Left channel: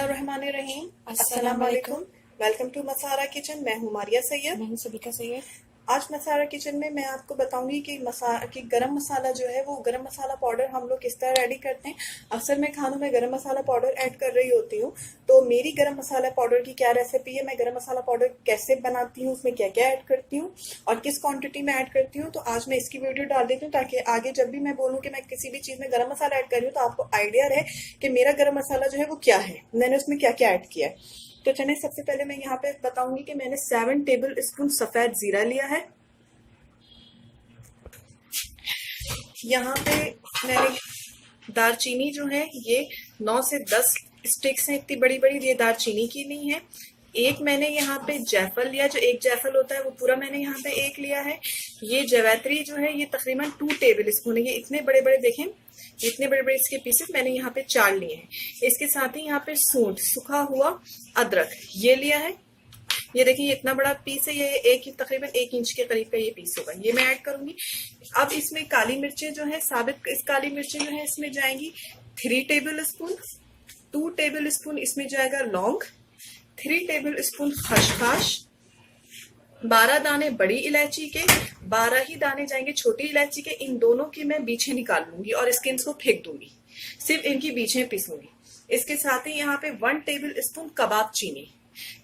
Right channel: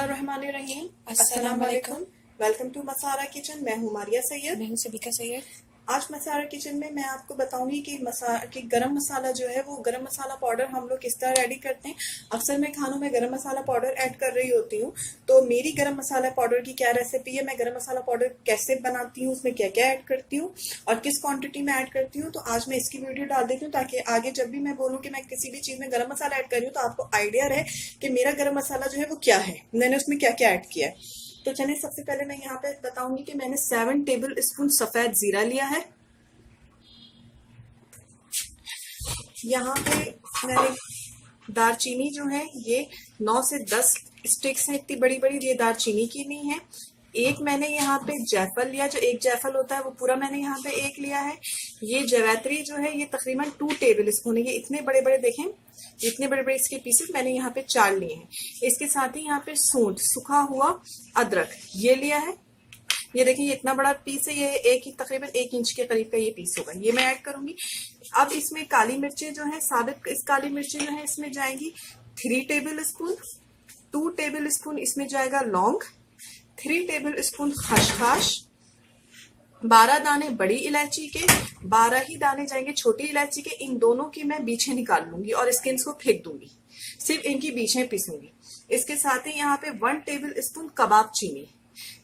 बिस्मिल्लाहिर्रहमानिर्रहीम। अस्सलाम वालेकुम। Welcome to Masara kitchen. मैं हूँ मारिया सैयद। मैं हूं सबिका सैयद। आज मसारा किचन में मैं आपको बताऊंगी कि गरम मसाला जो है वो गरम मसाला पाउडर हम लोग किस तरह रेडी करते हैं। अक्सर मैं खानों में गरम मसाला पाउडर ऐड कर रही होती हूँ, तो मेरी गरम मसाला पाउडर की क्या रेसिपी है, मैं गरम मसाला पाउडर कैसे बनाती हूँ, उसमें क्या क्या ऐड करती हूँ और किस क्वांटिटी में ऐड करती हूँ, तो आज मैं इसकी वीडियो डाल देती हूँ ताकि आगे जब भी मैं बोलूँ कि मैं किसी भी चीज में गरम मसाला ऐड कर रही हूँ तो आपको आइडिया रहे कि मेरा गरम मसाला जो है वो क्या है, मैंने उसमें क्या क्या ऐड किया है। तो चलिए सबसे पहले मैं यहाँ पे बताऊंगी कि मैंने 7 टेबल स्पून सफेद जीरा लिया है। यहाँ पे मैंने दालचीनी जो है ये 9 से 10 स्टिक्स हैं, इतनी बड़ी बड़ी, ये दालचीनी की नहीं है। एक मैंने यहाँ पे जायफल लिया, जो एक जायफल होता है वो पूरा मैंने यहाँ पे एक लिया है। ये जवैत्री जो है ये तकरीबन 2 टेबल स्पून है, ये इतने बड़े बड़े देखें, इतने बड़े बड़े इसके पीसेस मैंने यहाँ पे 4 लिए हैं। इसके साथ ही यहाँ पे सूंठ सूखा हुआ अदरक ये लिया है। ये देखिए ये इतना बड़ा पीस है, ये तकरीबन 1 इंच के करीब का ये पीस होगा, ये मैं ऐड करूंगी। अब इसमें काली मिर्चें जो है साबित, इस काली मिर्चें जो है इसमें जाएंगी 3 टेबल स्पून। 2 टेबल स्पून इसमें जाएगा लौंग, 3 टेबल स्पून खसखस, 12 दाने बड़ी इलायची के, 12 ही दाने जाएंगे छोटी इलायची के। इन दोनों की मैं बीछें निकाल लूंगी और स्किन्स को फेंक दूंगी, सिर्फ इनकी बीछें पीसूंगी। इसके साथ ही यहाँ पे 1 टेबल स्पून कबाब चीनी,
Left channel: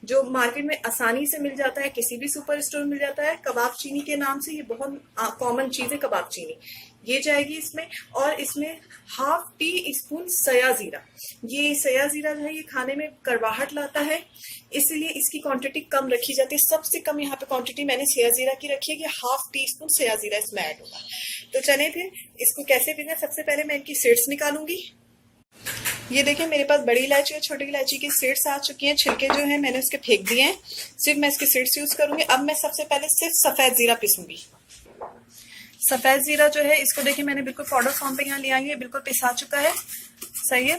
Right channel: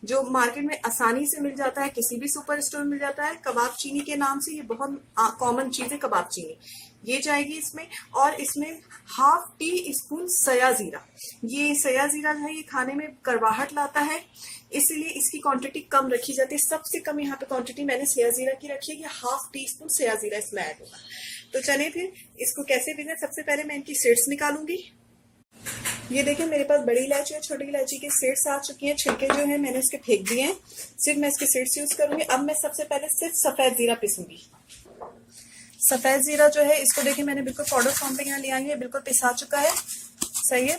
जो मार्केट में आसानी से मिल जाता है, किसी भी सुपर स्टोर में मिल जाता है कबाब चीनी के नाम से, ये बहुत कॉमन चीज है कबाब चीनी, ये जाएगी इसमें। और इसमें 1/2 टी स्पून सया जीरा, ये सया जीरा जो है ये खाने में करवाहट लाता है, इसलिए इसकी क्वांटिटी कम रखी जाती है। सबसे कम यहाँ पे क्वांटिटी मैंने सया जीरा की रखी है कि 1/2 टी स्पून सया जीरा इसमें ऐड होगा। तो चलिए फिर इसको कैसे पीना। सबसे पहले मैं इनकी सीड्स निकालूंगी। ये देखिए मेरे पास बड़ी इलायची और छोटी इलायची की सीड्स आ चुकी हैं, छिलके जो है मैंने उसके फेंक दिए हैं, सिर्फ मैं इसके सीड्स यूज करूंगी। अब मैं सबसे पहले सिर्फ सफेद जीरा पीसूंगी। सफेद जीरा जो है इसको देखिए मैंने बिल्कुल पाउडर फॉर्म पे यहाँ ले आई है, बिल्कुल पिसा चुका है, सही है।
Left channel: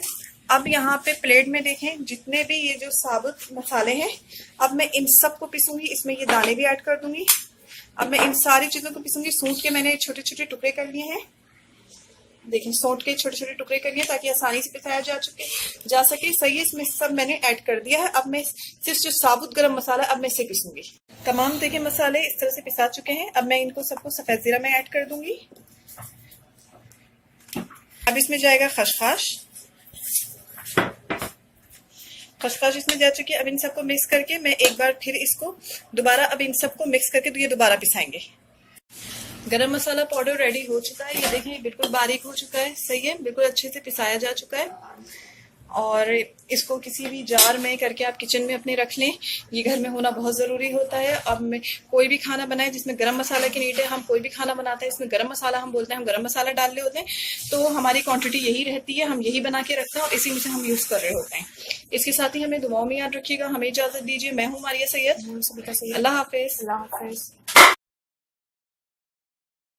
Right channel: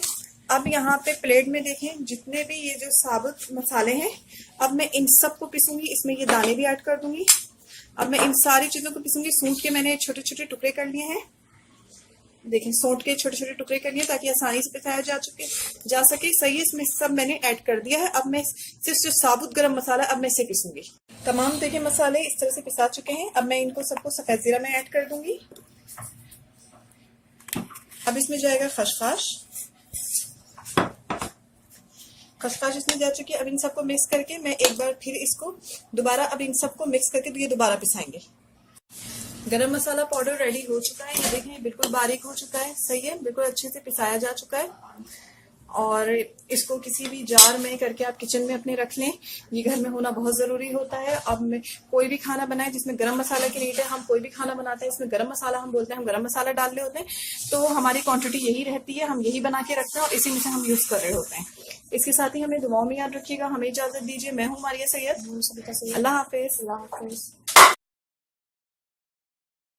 अब यहाँ पे प्लेट में देखें जितने भी ये जो साबुत मसाले हैं, अब मैं इन सबको पीसूंगी, इसमें ये दाने भी ऐड कर दूंगी। अब मैं इन सारी चीजों को पीसूंगी। सूंठ के मैंने छोटे छोटे टुकड़े कर लिए हैं, देखिए सौंठ के छोटे छोटे टुकड़े कर लिए ताकि आसानी से पिसाया जा सके, सही है। इसमें सब मैंने ऐड कर दिया है। अब मैं सिर्फ जो साबुत गरम मसाला अब मैं इसे पीसूंगी। तमाम देखिए मसाले इस तरह से पिसा चुके हैं। अब मैं इनको सबको सफेद जीरा में ऐड कर दूंगी। अब इसमें जाएगा खसखस, खसखस इसमें जा चुकी है। अब इन सबको मिक्स करके मैं एक बार फिर इसको दोबारा, अब इन सबको मिक्स करके तो ये दोबारा पिसाएंगे। गरम मसाला पाउडर रेडी हो चुका है, ये देखें बिल्कुल बारीक हो चुका है, सही है, बिल्कुल अच्छे से पिसाया जा चुका है। और इसको किसी भी जार में करके आप किचन में अपने रख लें, ये घर में होना बहुत ज़रूरी होता है। अब मैं कोई भी खाना बनाए जिसमें गरम मसाला की नीड है, हम कोई भी खाना बनाते हैं इसमें गरम मसाला हम बोलते हैं, हम गरम मसाला डाल रहे होते हैं, तो हमारी क्वांटिटी यही रहती है, हम यही बना के रखते हैं और इसी में से हम यूज़ कर रहे होते हैं। इसके साथ ही हमें दुआओं में याद रखिएगा। हमें इजाज़त दीजिए। मैं हूँ मारिया सैयद। सबिका सैयद। अल्लाह हाफिज़। अल्लाह हाफिज।